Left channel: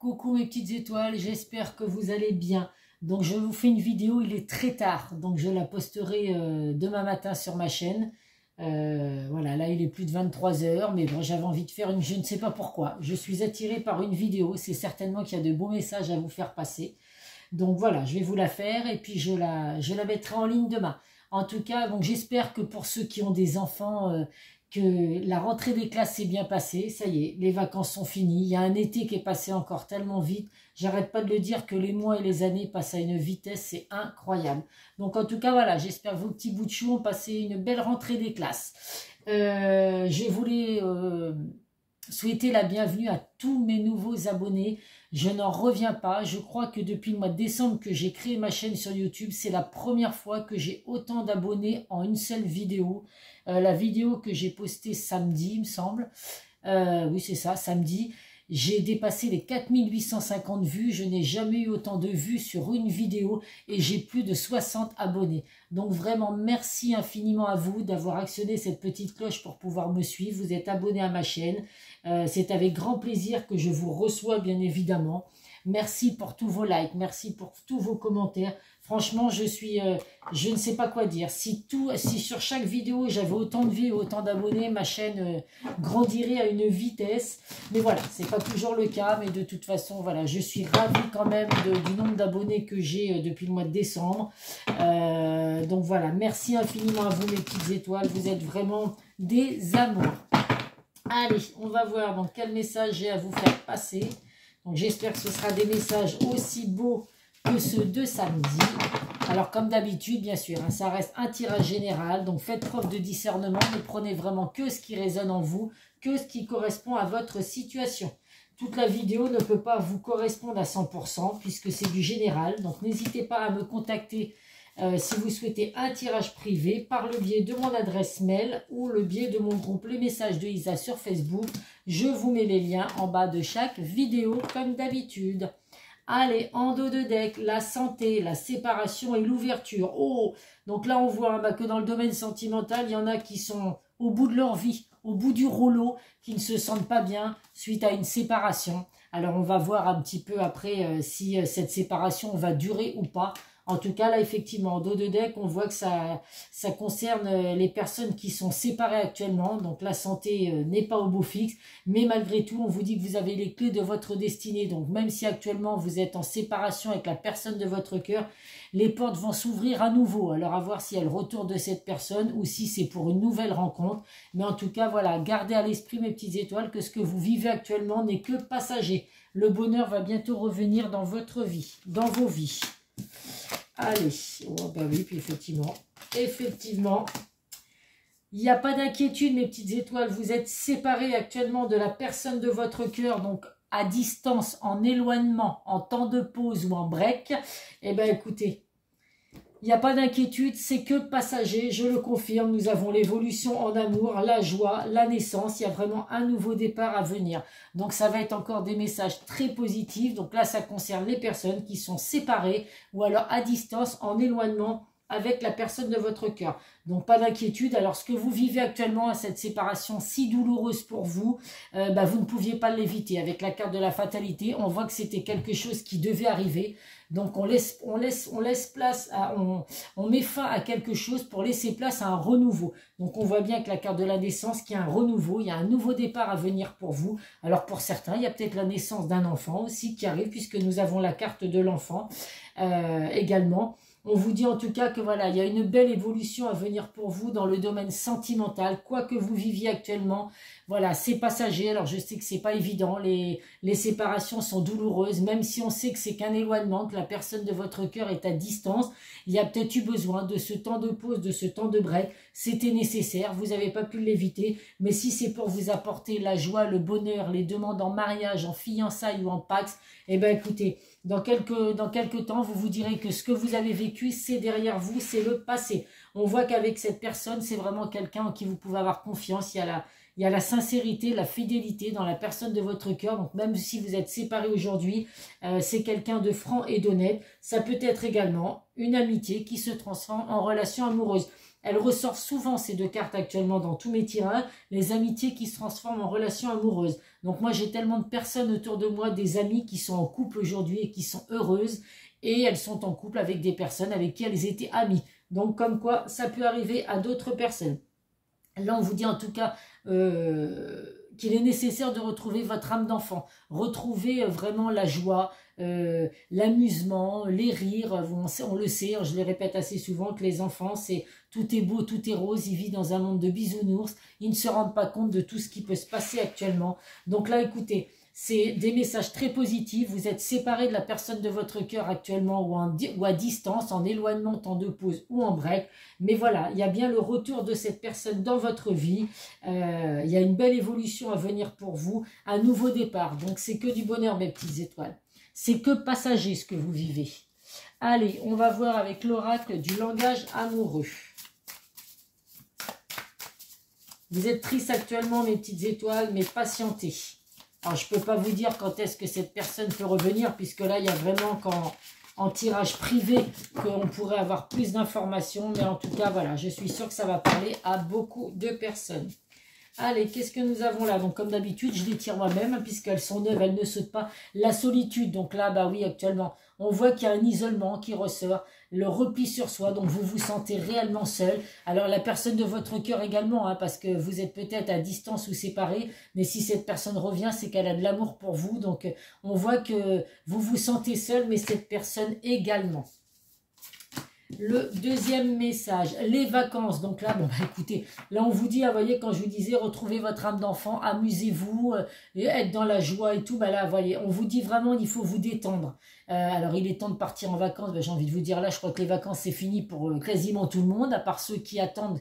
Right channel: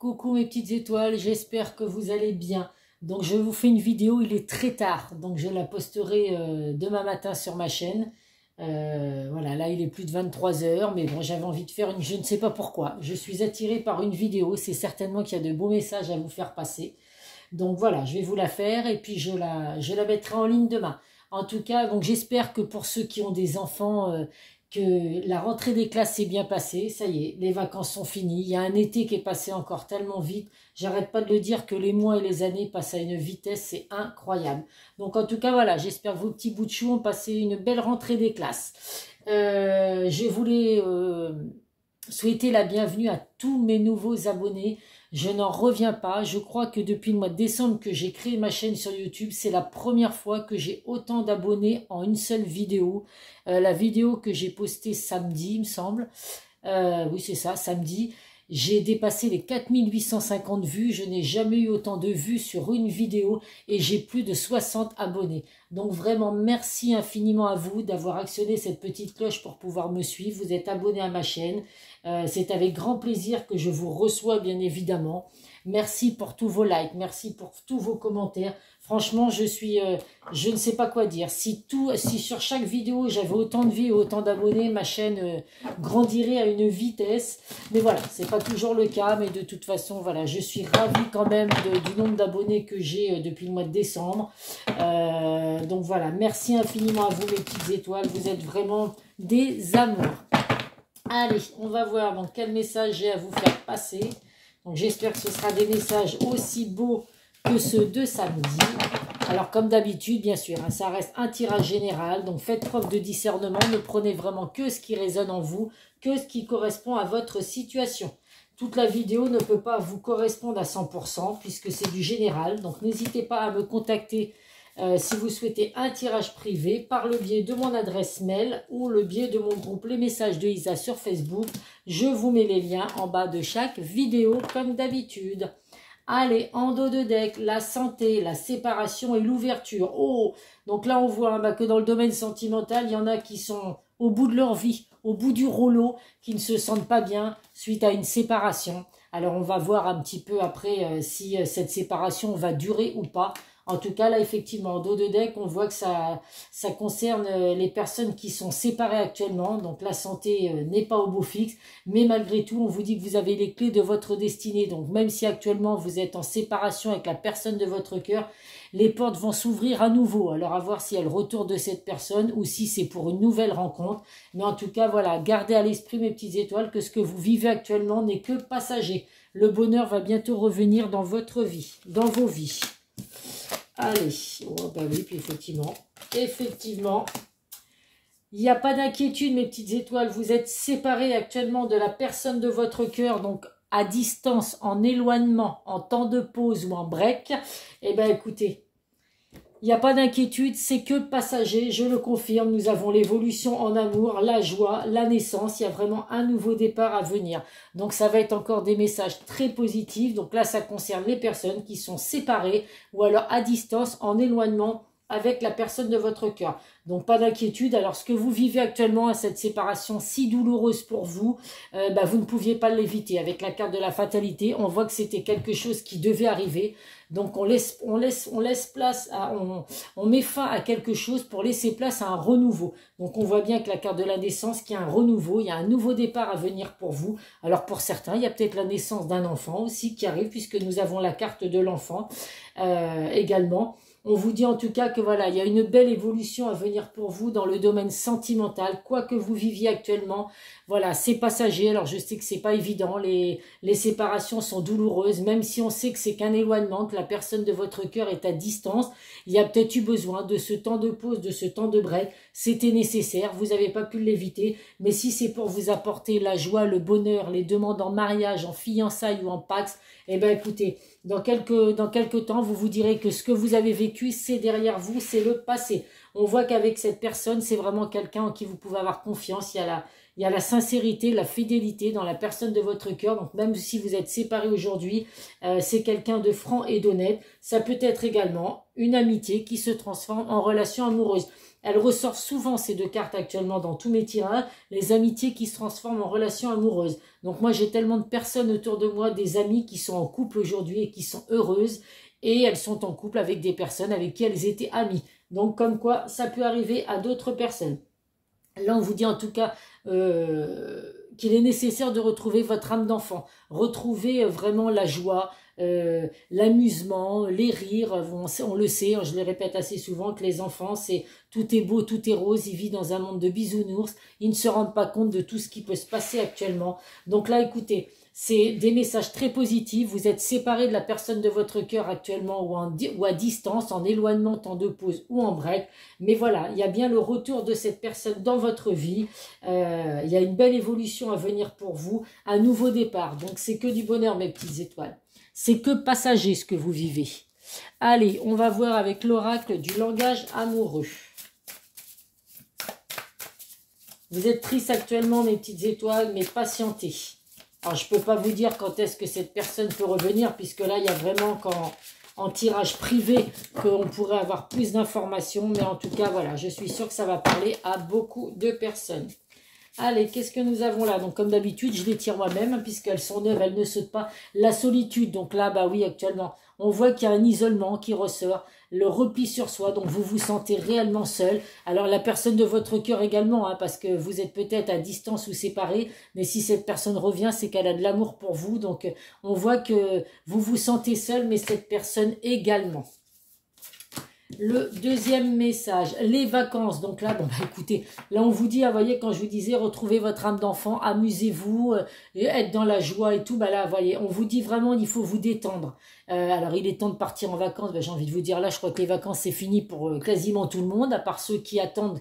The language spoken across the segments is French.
Coucou mes petites étoiles, j'espère que vous allez bien. Donc je vous fais une vidéo, il est très tard, donc je la posterai demain matin sur ma chaîne. Voilà, là il est plus de 23 heures, mais bon, j'avais envie de faire une, je ne sais pas pourquoi. Je suis attirée par une vidéo, c'est certainement qu'il y a de beaux messages à vous faire passer. Donc voilà, je vais vous la faire et puis je la mettrai en ligne demain. En tout cas, donc j'espère que pour ceux qui ont des enfants, que la rentrée des classes s'est bien passée. Ça y est, les vacances sont finies. Il y a un été qui est passé encore tellement vite. J'arrête pas de le dire que les mois et les années passent à une vitesse, c'est incroyable. Donc en tout cas, voilà, j'espère que vos petits bouts de chou ont passé une belle rentrée des classes. Je voulais souhaiter la bienvenue à tous mes nouveaux abonnés. Je n'en reviens pas. Je crois que depuis le mois de décembre que j'ai créé ma chaîne sur YouTube, c'est la première fois que j'ai autant d'abonnés en une seule vidéo. La vidéo que j'ai postée samedi, il me semble. Oui, c'est ça, samedi. J'ai dépassé les 4850 vues. Je n'ai jamais eu autant de vues sur une vidéo et j'ai plus de 60 abonnés. Donc vraiment, merci infiniment à vous d'avoir actionné cette petite cloche pour pouvoir me suivre. Vous êtes abonné à ma chaîne. C'est avec grand plaisir que je vous reçois, bien évidemment. Merci pour tous vos likes, merci pour tous vos commentaires. Franchement, je ne sais pas quoi dire. Si sur chaque vidéo, j'avais autant de vues et autant d'abonnés, ma chaîne grandirait à une vitesse. Mais voilà, c'est pas toujours le cas. Mais de toute façon, voilà, je suis ravie quand même du nombre d'abonnés que j'ai depuis le mois de décembre. Donc voilà, merci infiniment à vous, mes petites étoiles. Vous êtes vraiment des amours. Allez, on va voir donc quel message j'ai à vous faire passer. Donc j'espère que ce sera des messages aussi beaux que ceux de samedi. Alors comme d'habitude, bien sûr, hein, ça reste un tirage général. Donc faites preuve de discernement. Ne prenez vraiment que ce qui résonne en vous, que ce qui correspond à votre situation. Toute la vidéo ne peut pas vous correspondre à 100% puisque c'est du général. Donc n'hésitez pas à me contacter si vous souhaitez un tirage privé par le biais de mon adresse mail ou le biais de mon groupe Les Messages de Isa sur Facebook. Je vous mets les liens en bas de chaque vidéo comme d'habitude. Allez, en dos de deck, la santé, la séparation et l'ouverture. Oh, donc là on voit que dans le domaine sentimental, il y en a qui sont au bout de leur vie, au bout du rouleau, qui ne se sentent pas bien suite à une séparation. Alors on va voir un petit peu après si cette séparation va durer ou pas. En tout cas, là, effectivement, en dos de deck, on voit que ça concerne les personnes qui sont séparées actuellement. Donc, la santé n'est pas au beau fixe. Mais malgré tout, on vous dit que vous avez les clés de votre destinée. Donc, même si actuellement, vous êtes en séparation avec la personne de votre cœur, les portes vont s'ouvrir à nouveau. Alors, à voir si elle retourne de cette personne ou si c'est pour une nouvelle rencontre. Mais en tout cas, voilà, gardez à l'esprit, mes petites étoiles, que ce que vous vivez actuellement n'est que passager. Le bonheur va bientôt revenir dans votre vie, dans vos vies. Allez, oh bah oui, puis effectivement, il n'y a pas d'inquiétude, mes petites étoiles, vous êtes séparés actuellement de la personne de votre cœur, donc à distance, en éloignement, en temps de pause ou en break. Eh bien, écoutez, il n'y a pas d'inquiétude, c'est que passager, je le confirme, nous avons l'évolution en amour, la joie, la naissance, il y a vraiment un nouveau départ à venir. Donc ça va être encore des messages très positifs, donc là ça concerne les personnes qui sont séparées ou alors à distance, en éloignement avec la personne de votre cœur. Donc pas d'inquiétude, alors ce que vous vivez actuellement à cette séparation si douloureuse pour vous, vous ne pouviez pas l'éviter. Avec la carte de la fatalité, on voit que c'était quelque chose qui devait arriver. Donc on laisse place, on met fin à quelque chose pour laisser place à un renouveau. Donc on voit bien avec la carte de la naissance qu'il y a un renouveau, il y a un nouveau départ à venir pour vous. Alors pour certains, il y a peut-être la naissance d'un enfant aussi qui arrive puisque nous avons la carte de l'enfant également. On vous dit en tout cas que voilà, il y a une belle évolution à venir pour vous dans le domaine sentimental, quoi que vous viviez actuellement. Voilà, c'est passager. Alors je sais que c'est pas évident, les séparations sont douloureuses, même si on sait que c'est qu'un éloignement, que la personne de votre cœur est à distance. Il y a peut-être eu besoin de ce temps de pause, de ce temps de break. C'était nécessaire, vous n'avez pas pu l'éviter. Mais si c'est pour vous apporter la joie, le bonheur, les demandes en mariage, en fiançailles ou en pax, eh bien écoutez, dans quelques temps, vous vous direz que ce que vous avez vécu, c'est derrière vous, c'est le passé. On voit qu'avec cette personne, c'est vraiment quelqu'un en qui vous pouvez avoir confiance. Il y a la sincérité, la fidélité dans la personne de votre cœur. Donc même si vous êtes séparés aujourd'hui, c'est quelqu'un de franc et d'honnête. Ça peut être également une amitié qui se transforme en relation amoureuse. Elles ressortent souvent, ces deux cartes actuellement, dans tous mes tirages, les amitiés qui se transforment en relations amoureuses. Donc moi, j'ai tellement de personnes autour de moi, des amies qui sont en couple aujourd'hui et qui sont heureuses. Et elles sont en couple avec des personnes avec qui elles étaient amies. Donc comme quoi, ça peut arriver à d'autres personnes. Là, on vous dit en tout cas qu'il est nécessaire de retrouver votre âme d'enfant. Retrouver vraiment la joie, l'amusement, les rires. On le sait, je le répète assez souvent, que les enfants, c'est tout est beau, tout est rose. Ils vivent dans un monde de bisounours. Ils ne se rendent pas compte de tout ce qui peut se passer actuellement. Donc là, écoutez, c'est des messages très positifs. Vous êtes séparés de la personne de votre cœur actuellement ou à distance, en éloignement, temps de pause ou en break. Mais voilà, il y a bien le retour de cette personne dans votre vie. Il y a une belle évolution à venir pour vous, un nouveau départ. Donc c'est que du bonheur, mes petites étoiles. C'est que passager ce que vous vivez. Allez, on va voir avec l'oracle du langage amoureux. Vous êtes triste actuellement, mes petites étoiles, mais patientez. Alors, je ne peux pas vous dire quand est-ce que cette personne peut revenir, puisque là, il y a vraiment en tirage privé qu'on pourrait avoir plus d'informations. Mais en tout cas, voilà, je suis sûre que ça va parler à beaucoup de personnes. Allez, qu'est-ce que nous avons là? Donc, comme d'habitude, je les tire moi-même, hein, puisqu'elles sont neuves, elles ne sautent pas. La solitude, donc là, bah oui, actuellement, on voit qu'il y a un isolement qui ressort, le repli sur soi, donc vous vous sentez réellement seul. Alors, la personne de votre cœur également, hein, parce que vous êtes peut-être à distance ou séparés, mais si cette personne revient, c'est qu'elle a de l'amour pour vous. Donc, on voit que vous vous sentez seul, mais cette personne également. Le deuxième message, les vacances. Donc là, bon, bah, écoutez, là on vous dit, vous voyez, quand je vous disais, retrouvez votre âme d'enfant, amusez-vous, être dans la joie et tout, bah là, vous voyez, on vous dit vraiment, il faut vous détendre. Alors, il est temps de partir en vacances. Bah, j'ai envie de vous dire, là, je crois que les vacances, c'est fini pour quasiment tout le monde, à part ceux qui attendent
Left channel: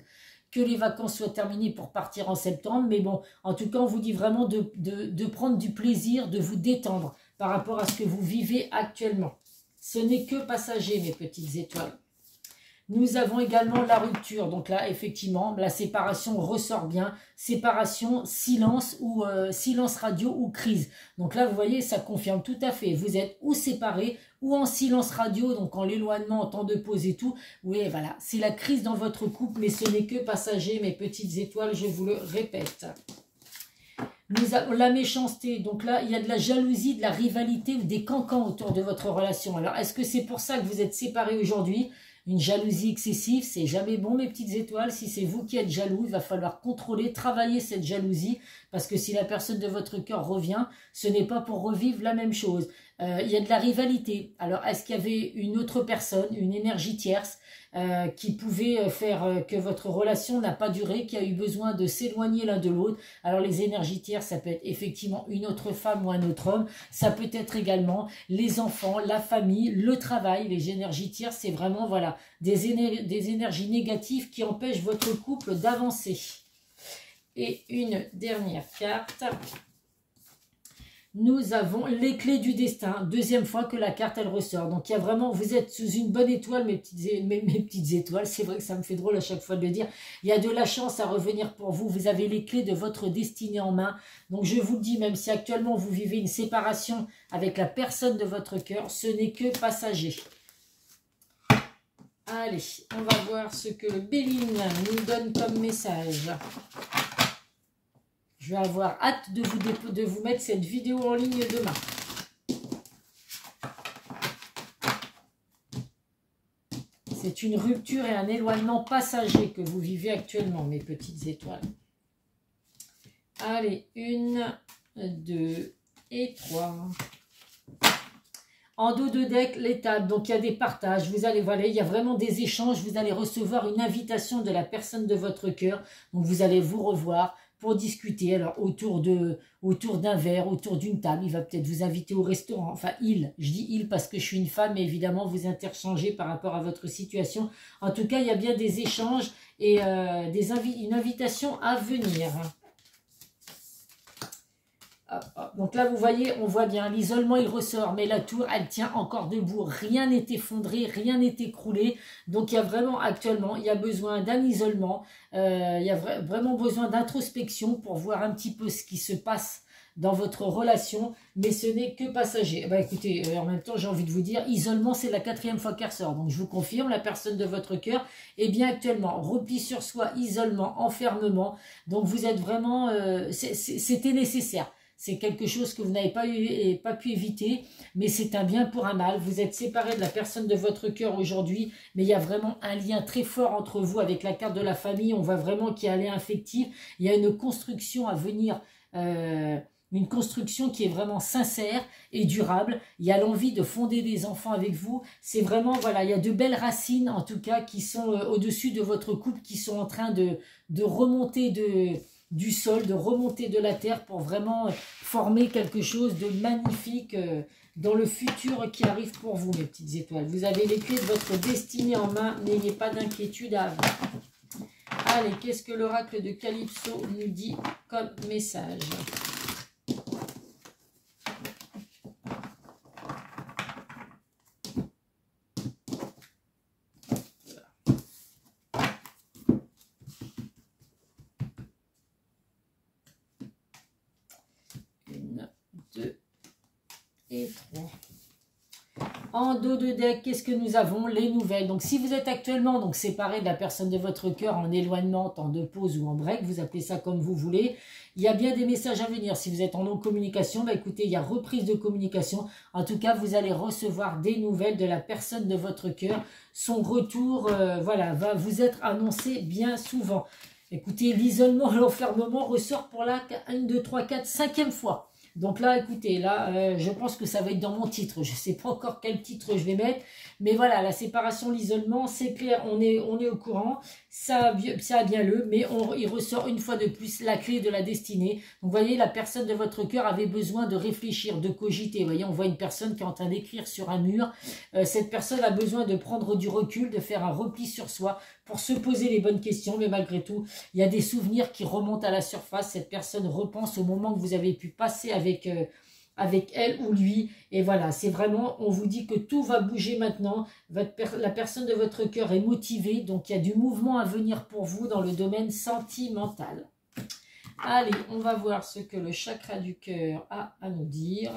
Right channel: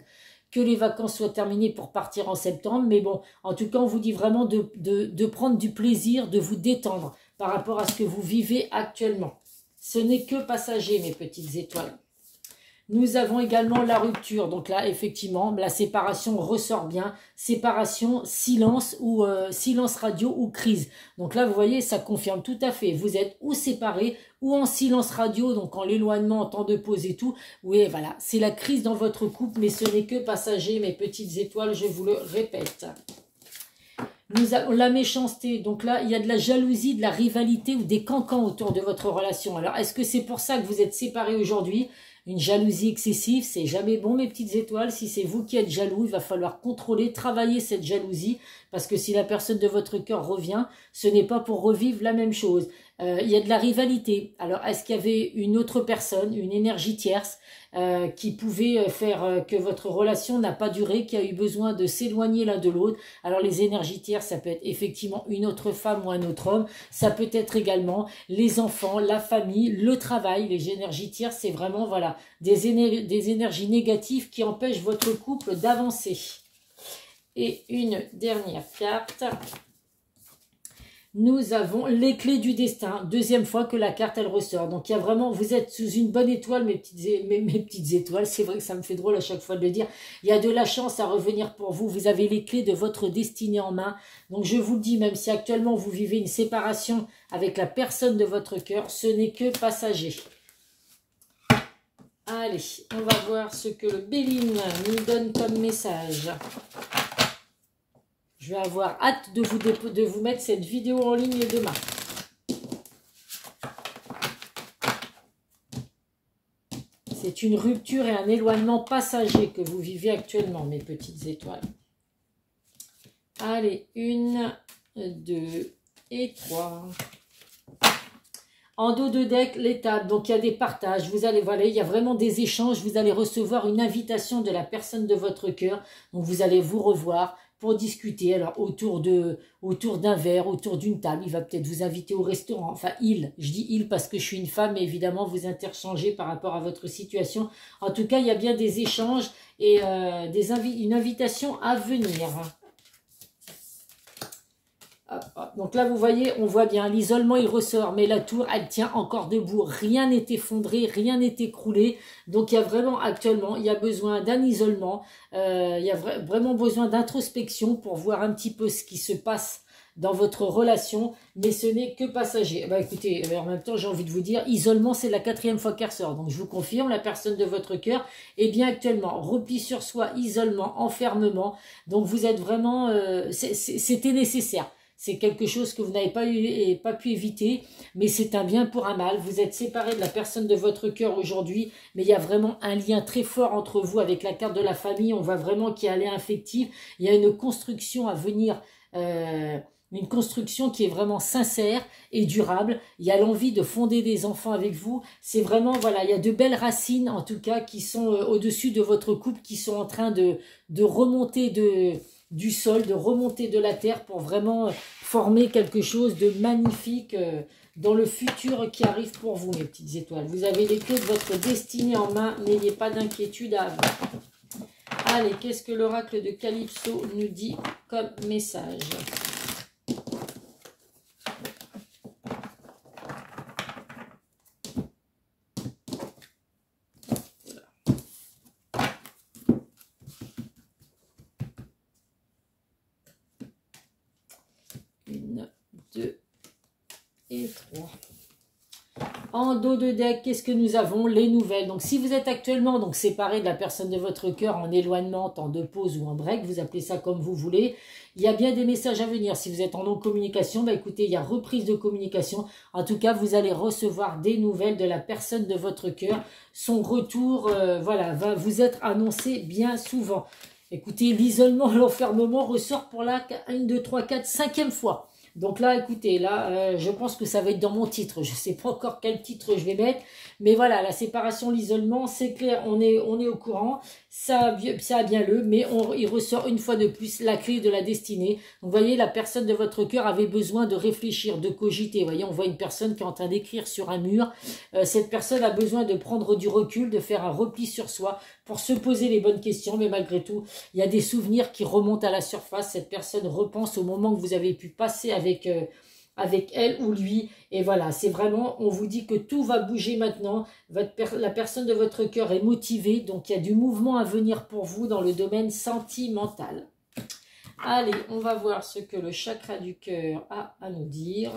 que les vacances soient terminées pour partir en septembre. Mais bon, en tout cas, on vous dit vraiment de prendre du plaisir, de vous détendre par rapport à ce que vous vivez actuellement. Ce n'est que passager, mes petites étoiles. Nous avons également la rupture. Donc là, effectivement, la séparation ressort bien. Séparation, silence ou silence radio ou crise. Donc là, vous voyez, ça confirme tout à fait. Vous êtes ou séparés ou en silence radio, donc en l'éloignement, en temps de pause et tout. Oui, voilà, c'est la crise dans votre couple, mais ce n'est que passager, mes petites étoiles, je vous le répète. Nous avons la méchanceté. Donc là, il y a de la jalousie, de la rivalité ou des cancans autour de votre relation. Alors, est-ce que c'est pour ça que vous êtes séparés aujourd'hui ? Une jalousie excessive, c'est jamais bon, mes petites étoiles. Si c'est vous qui êtes jaloux, il va falloir contrôler, travailler cette jalousie. Parce que si la personne de votre cœur revient, ce n'est pas pour revivre la même chose. Il y a de la rivalité. Alors, est-ce qu'il y avait une autre personne, une énergie tierce, qui pouvait faire que votre relation n'a pas duré, qui a eu besoin de s'éloigner l'un de l'autre? Alors, les énergies tierces, ça peut être effectivement une autre femme ou un autre homme. Ça peut être également les enfants, la famille, le travail. Les énergies tierces, c'est vraiment, voilà, des énergies négatives qui empêchent votre couple d'avancer. Et une dernière carte. Nous avons les clés du destin. Deuxième fois que la carte, elle ressort. Donc, il y a vraiment, vous êtes sous une bonne étoile, mes petites étoiles. C'est vrai que ça me fait drôle à chaque fois de le dire. Il y a de la chance à revenir pour vous. Vous avez les clés de votre destinée en main. Donc, je vous le dis, même si actuellement vous vivez une séparation avec la personne de votre cœur, ce n'est que passager. Allez, on va voir ce que le Béline nous donne comme message. Je vais avoir hâte de vous mettre cette vidéo en ligne demain. C'est une rupture et un éloignement passager que vous vivez actuellement, mes petites étoiles. Allez, 1, 2 et 3. En dos de deck, l'étape. Donc, il y a des partages. Vous allez, voilà, il y a vraiment des échanges. Vous allez recevoir une invitation de la personne de votre cœur. Donc, vous allez vous revoir pour discuter, alors autour d'un verre, autour d'une table. Il va peut-être vous inviter au restaurant. Enfin, je dis il parce que je suis une femme, mais évidemment, vous interchangez par rapport à votre situation. En tout cas, il y a bien des échanges et une invitation à venir. Donc là, vous voyez, on voit bien, l'isolement, il ressort, mais la tour, elle tient encore debout. Rien n'est effondré, rien n'est écroulé. Donc, il y a vraiment, actuellement, il y a besoin d'un isolement. Il y a vraiment besoin d'introspection pour voir un petit peu ce qui se passe dans votre relation, mais ce n'est que passager. Bah écoutez, en même temps, j'ai envie de vous dire, isolement, c'est la 4e fois qu'elle ressort. Donc je vous confirme, la personne de votre cœur est bien actuellement repli sur soi, isolement, enfermement. Donc vous êtes vraiment, c'était nécessaire. C'est quelque chose que vous n'avez pas pu éviter, mais c'est un bien pour un mal. Vous êtes séparé de la personne de votre cœur aujourd'hui, mais il y a vraiment un lien très fort entre vous avec la carte de la famille. On voit vraiment qu'il y a un lien affectif. Il y a une construction à venir, une construction qui est vraiment sincère et durable. Il y a l'envie de fonder des enfants avec vous. C'est vraiment, voilà, il y a de belles racines, en tout cas, qui sont au-dessus de votre couple, qui sont en train de remonter du sol, de remonter de la terre pour vraiment former quelque chose de magnifique dans le futur qui arrive pour vous, mes petites étoiles. Vous avez les clés de votre destinée en main, n'ayez pas d'inquiétude à avoir. Allez, qu'est-ce que l'oracle de Calypso nous dit comme message ? Et 3. En dos de deck, qu'est-ce que nous avons? Les nouvelles. Donc, si vous êtes actuellement donc séparé de la personne de votre cœur en éloignement, en de pause ou en break, vous appelez ça comme vous voulez, il y a bien des messages à venir. Si vous êtes en non-communication, bah écoutez, il y a reprise de communication. En tout cas, vous allez recevoir des nouvelles de la personne de votre cœur. Son retour, voilà, va vous être annoncé bien souvent. Écoutez, l'isolement, l'enfermement ressort pour la 1, 2, 3, 4, 5e fois. Donc là, écoutez, là, je pense que ça va être dans mon titre. Je ne sais pas encore quel titre je vais mettre. Mais voilà, la séparation, l'isolement, c'est clair, on est au courant. Ça a bien lieu, mais il ressort une fois de plus la clé de la destinée. Donc, vous voyez, la personne de votre cœur avait besoin de réfléchir, de cogiter. Vous voyez, on voit une personne qui est en train d'écrire sur un mur. Cette personne a besoin de prendre du recul, de faire un repli sur soi pour se poser les bonnes questions. Mais malgré tout, il y a des souvenirs qui remontent à la surface. Cette personne repense au moment que vous avez pu passer avec elle ou lui. Et voilà, c'est vraiment, on vous dit que tout va bouger maintenant. La personne de votre cœur est motivée, donc il y a du mouvement à venir pour vous dans le domaine sentimental. Allez, on va voir ce que le chakra du cœur a à nous dire.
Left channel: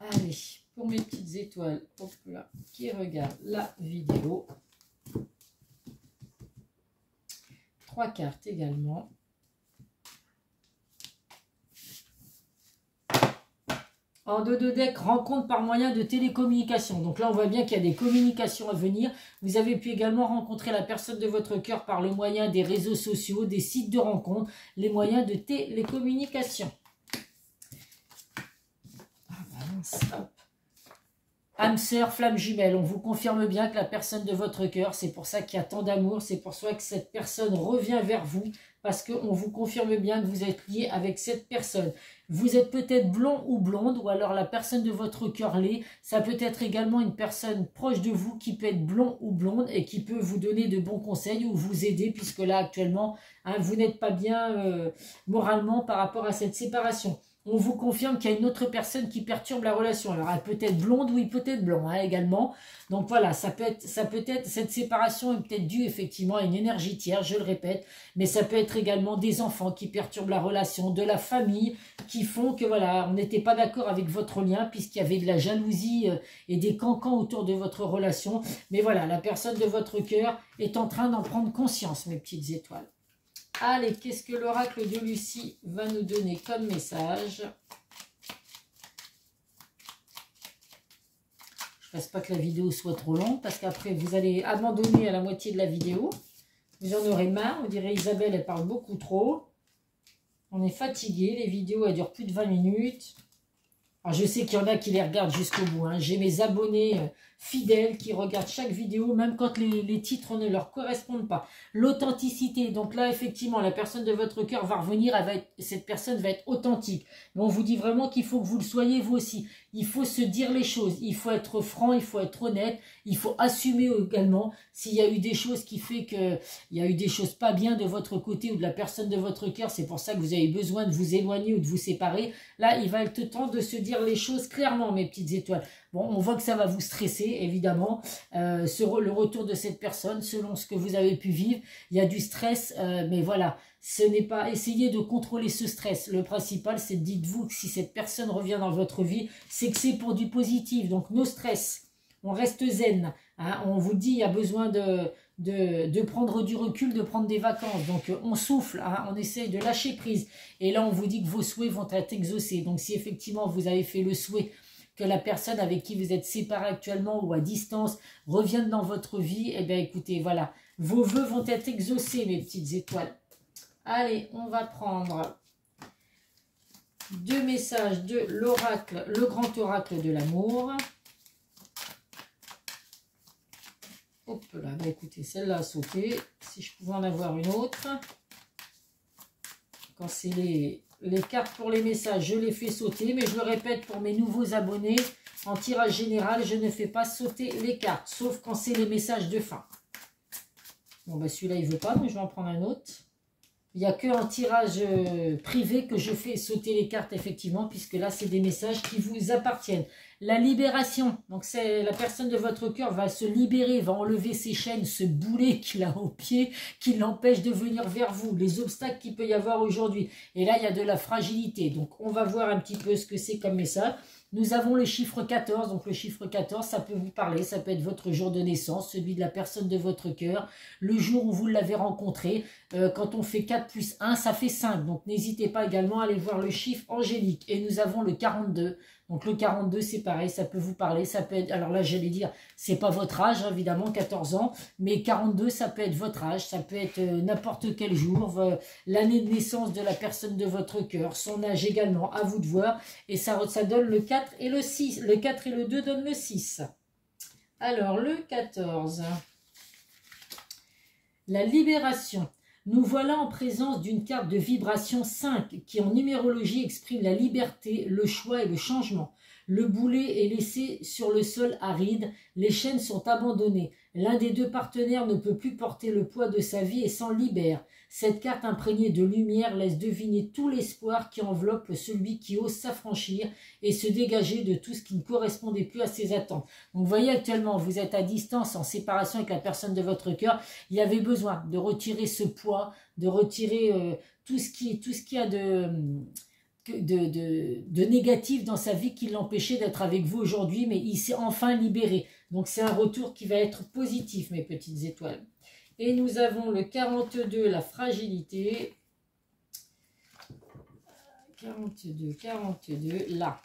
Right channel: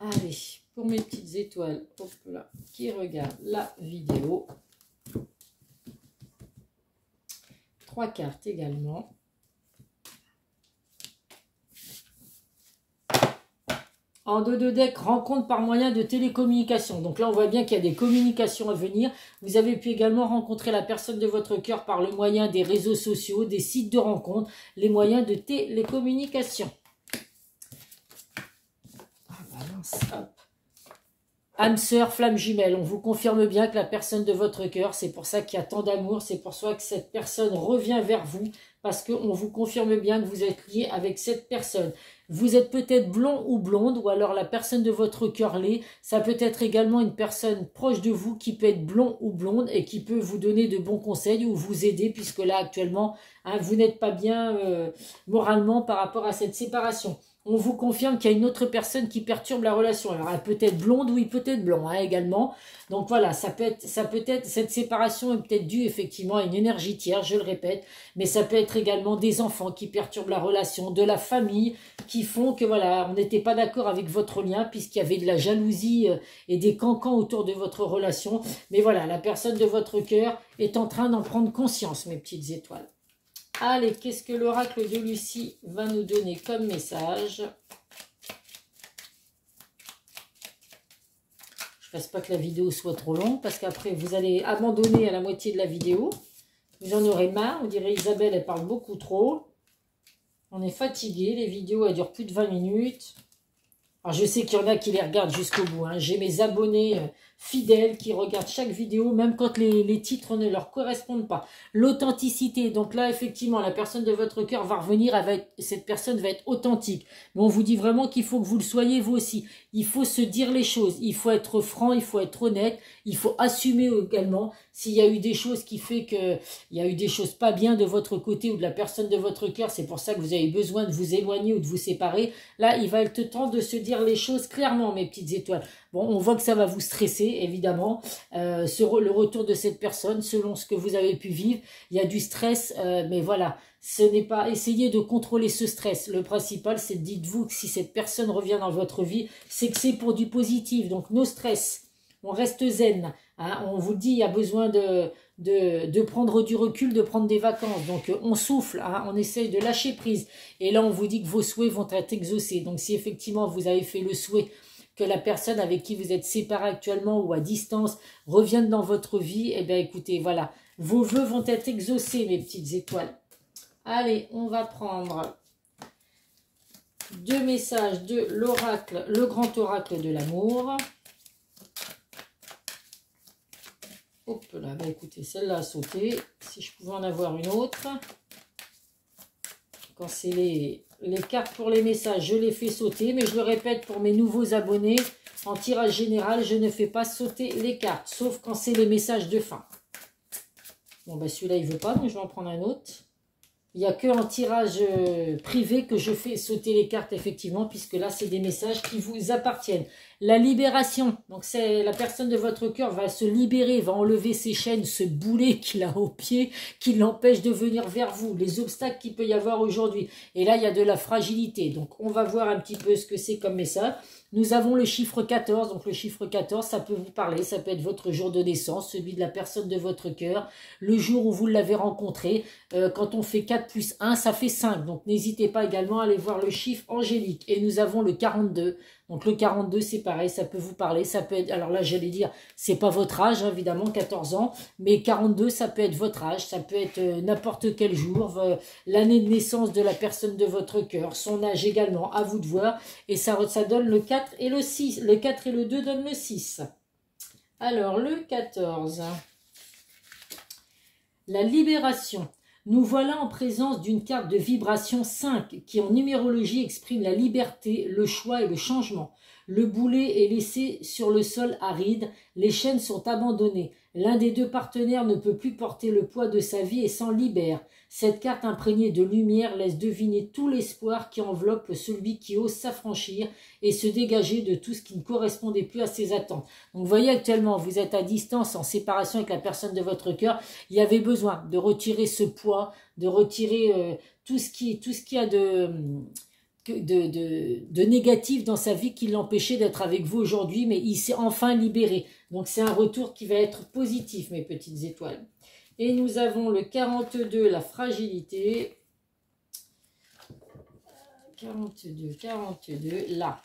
Allez, pour mes petites étoiles, hop là, qui regardent la vidéo. 3 cartes également. En dos de deck, rencontre par moyen de télécommunication. Donc là, on voit bien qu'il y a des communications à venir. Vous avez pu également rencontrer la personne de votre cœur par le moyen des réseaux sociaux, des sites de rencontres, les moyens de télécommunication. Âme sœur, flamme jumelle, on vous confirme bien que la personne de votre cœur, c'est pour ça qu'il y a tant d'amour, c'est pour ça que cette personne revient vers vous, parce qu'on vous confirme bien que vous êtes lié avec cette personne. Vous êtes peut-être blond ou blonde, ou alors la personne de votre cœur l'est. Ça peut être également une personne proche de vous qui peut être blond ou blonde et qui peut vous donner de bons conseils ou vous aider, puisque là actuellement, hein, vous n'êtes pas bien moralement par rapport à cette séparation. On vous confirme qu'il y a une autre personne qui perturbe la relation. Alors, elle peut être blonde ou il peut être blond hein, également. Donc voilà, ça peut être, cette séparation est peut-être due effectivement à une énergie tierce, je le répète. Mais ça peut être également des enfants qui perturbent la relation, de la famille, qui font que voilà, on n'était pas d'accord avec votre lien puisqu'il y avait de la jalousie et des cancans autour de votre relation. Mais voilà, la personne de votre cœur est en train d'en prendre conscience, mes petites étoiles. Allez, qu'est-ce que l'oracle de Lucie va nous donner comme message? Je ne fasse pas que la vidéo soit trop longue, parce qu'après, vous allez abandonner à la moitié de la vidéo. Vous en aurez marre, on dirait Isabelle, elle parle beaucoup trop. On est fatigué, les vidéos, elles durent plus de 20 minutes. Alors, je sais qu'il y en a qui les regardent jusqu'au bout. Hein. J'ai mes abonnés fidèles qui regardent chaque vidéo, même quand les titres ne leur correspondent pas. L'authenticité, donc là, effectivement, la personne de votre cœur va revenir, cette personne va être authentique. Mais on vous dit vraiment qu'il faut que vous le soyez, vous aussi. Il faut se dire les choses, il faut être franc, il faut être honnête, il faut assumer également s'il y a eu des choses qui fait que il y a eu des choses pas bien de votre côté ou de la personne de votre cœur, c'est pour ça que vous avez besoin de vous éloigner ou de vous séparer. Là, il va être temps de se dire les choses clairement, mes petites étoiles. Bon, on voit que ça va vous stresser, évidemment, le retour de cette personne, selon ce que vous avez pu vivre. Il y a du stress, mais voilà, ce n'est pas... Essayez de contrôler ce stress. Le principal, c'est dites-vous que si cette personne revient dans votre vie, c'est que c'est pour du positif. Donc, no stress, on reste zen. Hein, on vous dit, il y a besoin de prendre du recul, de prendre des vacances. Donc, on souffle, hein, on essaye de lâcher prise. Et là, on vous dit que vos souhaits vont être exaucés. Donc, si effectivement, vous avez fait le souhait que la personne avec qui vous êtes séparés actuellement ou à distance revienne dans votre vie, eh bien, écoutez, voilà, vos vœux vont être exaucés, mes petites étoiles. Allez, on va prendre 2 messages de l'oracle, le grand oracle de l'amour. Hop là, bah écoutez, celle-là a sauté. Si je pouvais en avoir une autre. Quand c'est les cartes pour les messages, je les fais sauter. Mais je le répète pour mes nouveaux abonnés, en tirage général, je ne fais pas sauter les cartes. Sauf quand c'est les messages de fin. Bon, bah celui-là, il ne veut pas, donc je vais en prendre un autre. Il n'y a que en tirage privé que je fais sauter les cartes, effectivement, puisque là, c'est des messages qui vous appartiennent. La libération, donc c'est la personne de votre cœur va se libérer, va enlever ses chaînes, ce boulet qu'il a au pied, qui l'empêche de venir vers vous, les obstacles qu'il peut y avoir aujourd'hui. Et là, il y a de la fragilité. Donc, on va voir un petit peu ce que c'est comme message. Nous avons le chiffre 14, donc le chiffre 14, ça peut vous parler, ça peut être votre jour de naissance, celui de la personne de votre cœur, le jour où vous l'avez rencontré. Quand on fait 4 plus 1, ça fait 5, donc n'hésitez pas également à aller voir le chiffre angélique. Et nous avons le 42, donc le 42 c'est pareil, ça peut vous parler, ça peut être, alors là j'allais dire, c'est pas votre âge évidemment, 14 ans, mais 42 ça peut être votre âge, ça peut être n'importe quel jour, l'année de naissance de la personne de votre cœur, son âge également, à vous de voir, et ça donne le 4 et le 6, le 4 et le 2 donnent le 6. Alors le 14, la libération. Nous voilà en présence d'une carte de vibration 5 qui en numérologie exprime la liberté, le choix et le changement. Le boulet est laissé sur le sol aride, les chaînes sont abandonnées. L'un des deux partenaires ne peut plus porter le poids de sa vie et s'en libère. Cette carte imprégnée de lumière laisse deviner tout l'espoir qui enveloppe celui qui ose s'affranchir et se dégager de tout ce qui ne correspondait plus à ses attentes. Donc vous voyez actuellement, vous êtes à distance, en séparation avec la personne de votre cœur. Il y avait besoin de retirer ce poids, de retirer tout ce qui a de négatif dans sa vie qui l'empêchait d'être avec vous aujourd'hui, mais il s'est enfin libéré. Donc c'est un retour qui va être positif, mes petites étoiles. Et nous avons le 42, la fragilité. 42, là.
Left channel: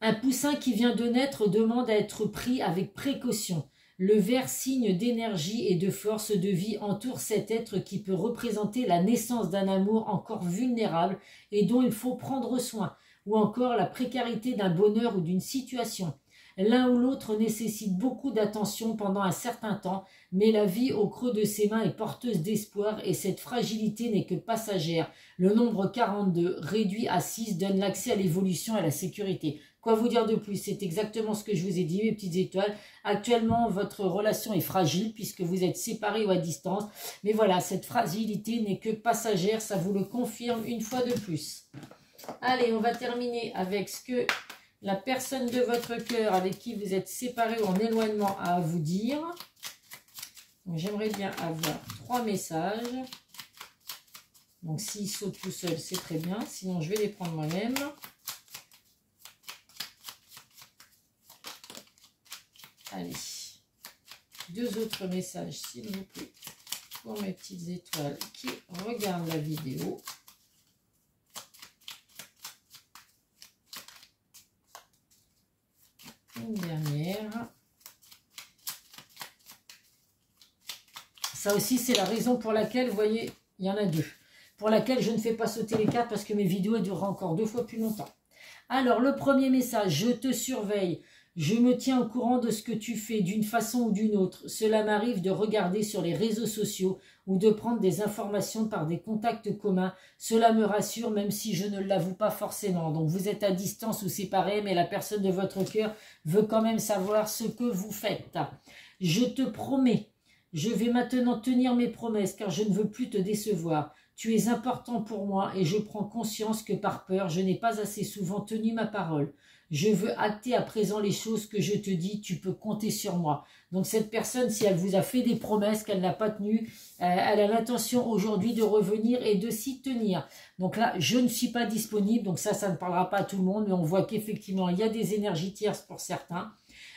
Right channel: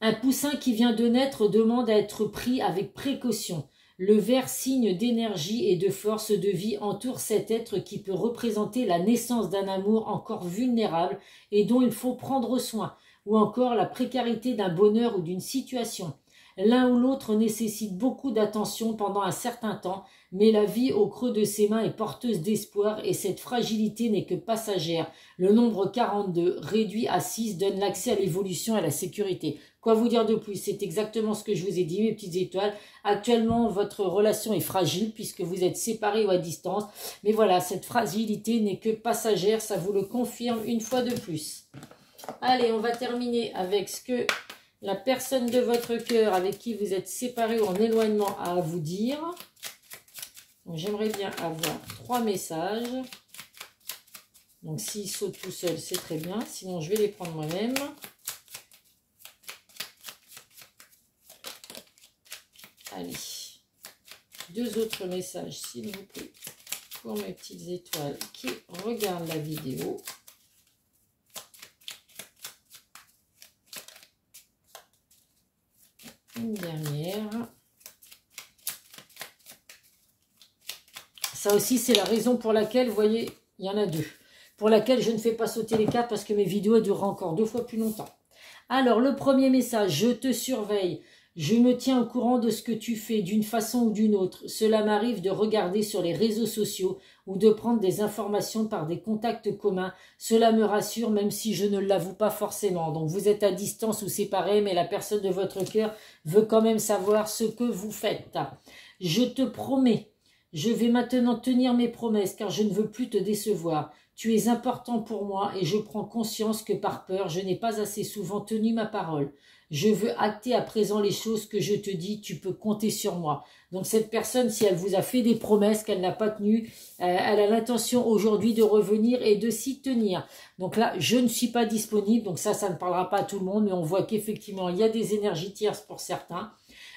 Un poussin qui vient de naître demande à être pris avec précaution. Le vert, signe d'énergie et de force de vie, entoure cet être qui peut représenter la naissance d'un amour encore vulnérable et dont il faut prendre soin, ou encore la précarité d'un bonheur ou d'une situation. L'un ou l'autre nécessite beaucoup d'attention pendant un certain temps, mais la vie au creux de ses mains est porteuse d'espoir et cette fragilité n'est que passagère. Le nombre 42, réduit à 6, donne l'accès à l'évolution et à la sécurité. Quoi vous dire de plus? C'est exactement ce que je vous ai dit, mes petites étoiles. Actuellement, votre relation est fragile puisque vous êtes séparés ou à distance. Mais voilà, cette fragilité n'est que passagère, ça vous le confirme une fois de plus. Allez, on va terminer avec ce que la personne de votre cœur avec qui vous êtes séparés ou en éloignement a à vous dire. J'aimerais bien avoir 3 messages. Donc s'il saute tout seul, c'est très bien. Sinon, je vais les prendre moi-même. Allez. 2 autres messages, s'il vous plaît, pour mes petites étoiles qui regardent la vidéo. Une dernière. Ça aussi, c'est la raison pour laquelle, vous voyez, il y en a 2. Pour laquelle je ne fais pas sauter les cartes parce que mes vidéos durent encore 2 fois plus longtemps. Alors, le premier message, je te surveille. Je me tiens au courant de ce que tu fais d'une façon ou d'une autre. Cela m'arrive de regarder sur les réseaux sociaux ou de prendre des informations par des contacts communs. Cela me rassure même si je ne l'avoue pas forcément. Donc vous êtes à distance ou séparés, mais la personne de votre cœur veut quand même savoir ce que vous faites. Je te promets, je vais maintenant tenir mes promesses car je ne veux plus te décevoir. Tu es important pour moi et je prends conscience que par peur, je n'ai pas assez souvent tenu ma parole. Je veux acter à présent les choses que je te dis, tu peux compter sur moi. Donc cette personne, si elle vous a fait des promesses qu'elle n'a pas tenues, elle a l'intention aujourd'hui de revenir et de s'y tenir. Donc là, je ne suis pas disponible, donc ça ne parlera pas à tout le monde, mais on voit qu'effectivement, il y a des énergies tierces pour certains.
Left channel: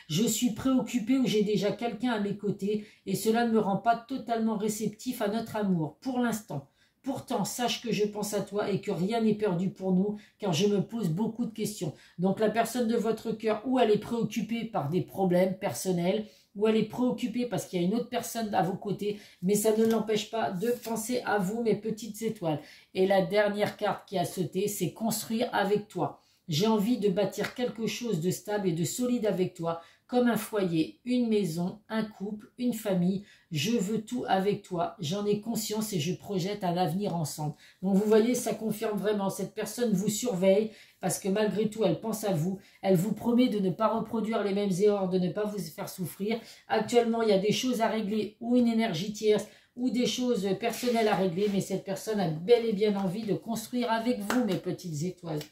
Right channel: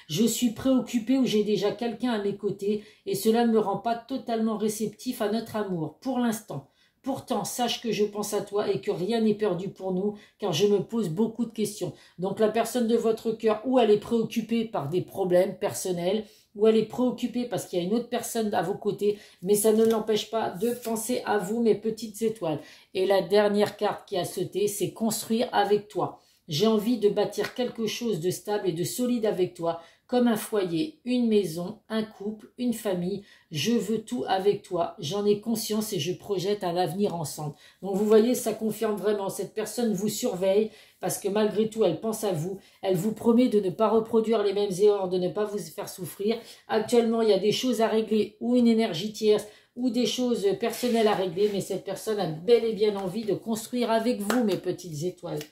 Je suis préoccupée ou j'ai déjà quelqu'un à mes côtés et cela ne me rend pas totalement réceptif à notre amour, pour l'instant. Pourtant, sache que je pense à toi et que rien n'est perdu pour nous, car je me pose beaucoup de questions. Donc la personne de votre cœur, ou elle est préoccupée par des problèmes personnels, ou elle est préoccupée parce qu'il y a une autre personne à vos côtés, mais ça ne l'empêche pas de penser à vous, mes petites étoiles. Et la dernière carte qui a sauté, c'est construire avec toi. J'ai envie de bâtir quelque chose de stable et de solide avec toi, comme un foyer, une maison, un couple, une famille. Je veux tout avec toi, j'en ai conscience et je projette un avenir ensemble. Donc vous voyez, ça confirme vraiment, cette personne vous surveille parce que malgré tout, elle pense à vous. Elle vous promet de ne pas reproduire les mêmes erreurs, de ne pas vous faire souffrir. Actuellement, il y a des choses à régler ou une énergie tierce ou des choses personnelles à régler, mais cette personne a bel et bien envie de construire avec vous, mes petites étoiles.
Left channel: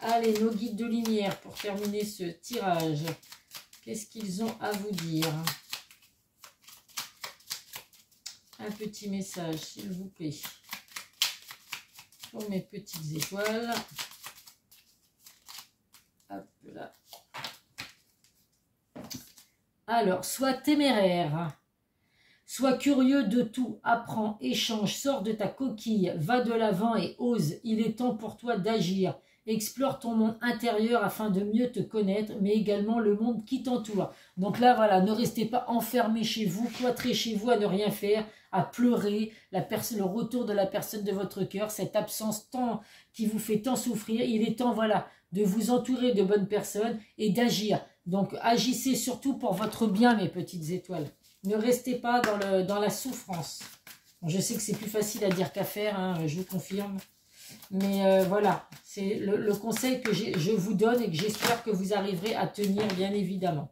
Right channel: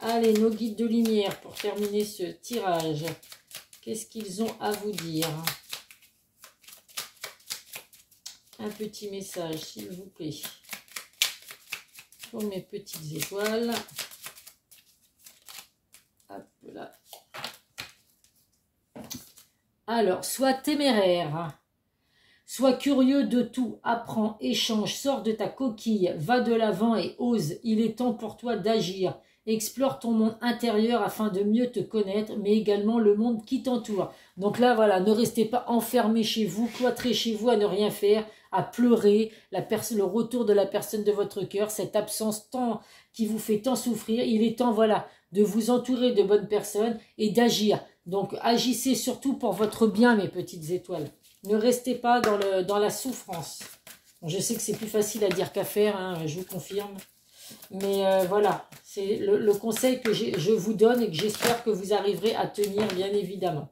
Allez, nos guides de lumière pour terminer ce tirage. Qu'est-ce qu'ils ont à vous dire? Un petit message, s'il vous plaît, pour mes petites étoiles. Hop là. Alors, sois téméraire, sois curieux de tout, apprends, échange, sors de ta coquille, va de l'avant et ose. Il est temps pour toi d'agir. Explore ton monde intérieur afin de mieux te connaître, mais également le monde qui t'entoure. Donc là, voilà, ne restez pas enfermés chez vous, cloîtrés chez vous à ne rien faire, à pleurer, le retour de la personne de votre cœur, cette absence qui vous fait tant souffrir. Il est temps, voilà, de vous entourer de bonnes personnes et d'agir. Donc agissez surtout pour votre bien, mes petites étoiles. Ne restez pas dans la souffrance. Bon, je sais que c'est plus facile à dire qu'à faire, hein, je vous confirme. Mais voilà, c'est le conseil que je vous donne et que j'espère que vous arriverez à tenir, bien évidemment.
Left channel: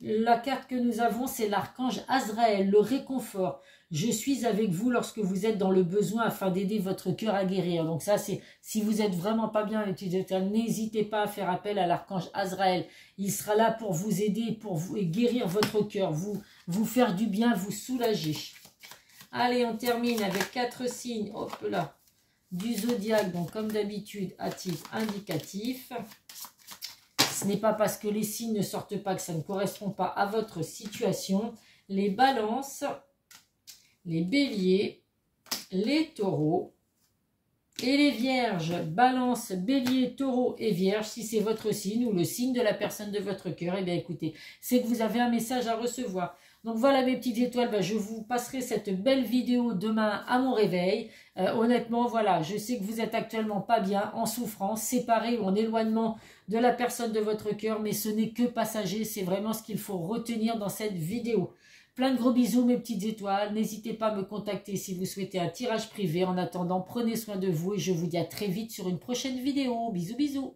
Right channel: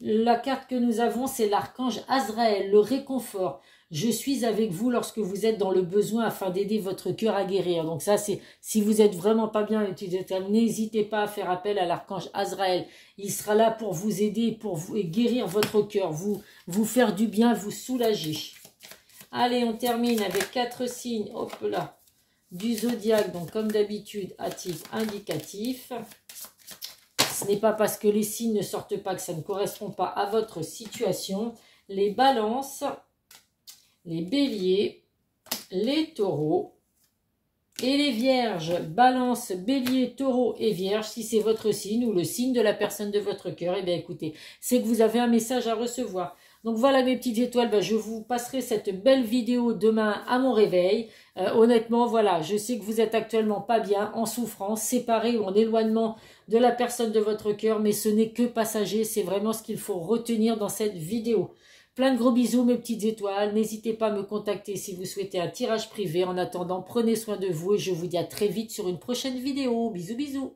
La carte que nous avons, c'est l'archange Azraël, le réconfort. Je suis avec vous lorsque vous êtes dans le besoin afin d'aider votre cœur à guérir. Donc ça, c'est si vous êtes vraiment pas bien, n'hésitez pas à faire appel à l'archange Azraël. Il sera là pour vous aider, pour vous guérir votre cœur, vous faire du bien, vous soulager. Allez, on termine avec 4 signes. Hop là. Du zodiaque, donc comme d'habitude, à titre indicatif. Ce n'est pas parce que les signes ne sortent pas que ça ne correspond pas à votre situation. Les balances, les béliers, les taureaux et les vierges. Balance, bélier, taureau et vierge, si c'est votre signe ou le signe de la personne de votre cœur, eh bien écoutez, c'est que vous avez un message à recevoir. Donc voilà mes petites étoiles, ben, je vous passerai cette belle vidéo demain à mon réveil. Honnêtement, voilà, je sais que vous êtes actuellement pas bien, en souffrance, séparés ou en éloignement de la personne de votre cœur, mais ce n'est que passager, c'est vraiment ce qu'il faut retenir dans cette vidéo. Plein de gros bisous mes petites étoiles, n'hésitez pas à me contacter si vous souhaitez un tirage privé. En attendant, prenez soin de vous et je vous dis à très vite sur une prochaine vidéo. Bisous bisous.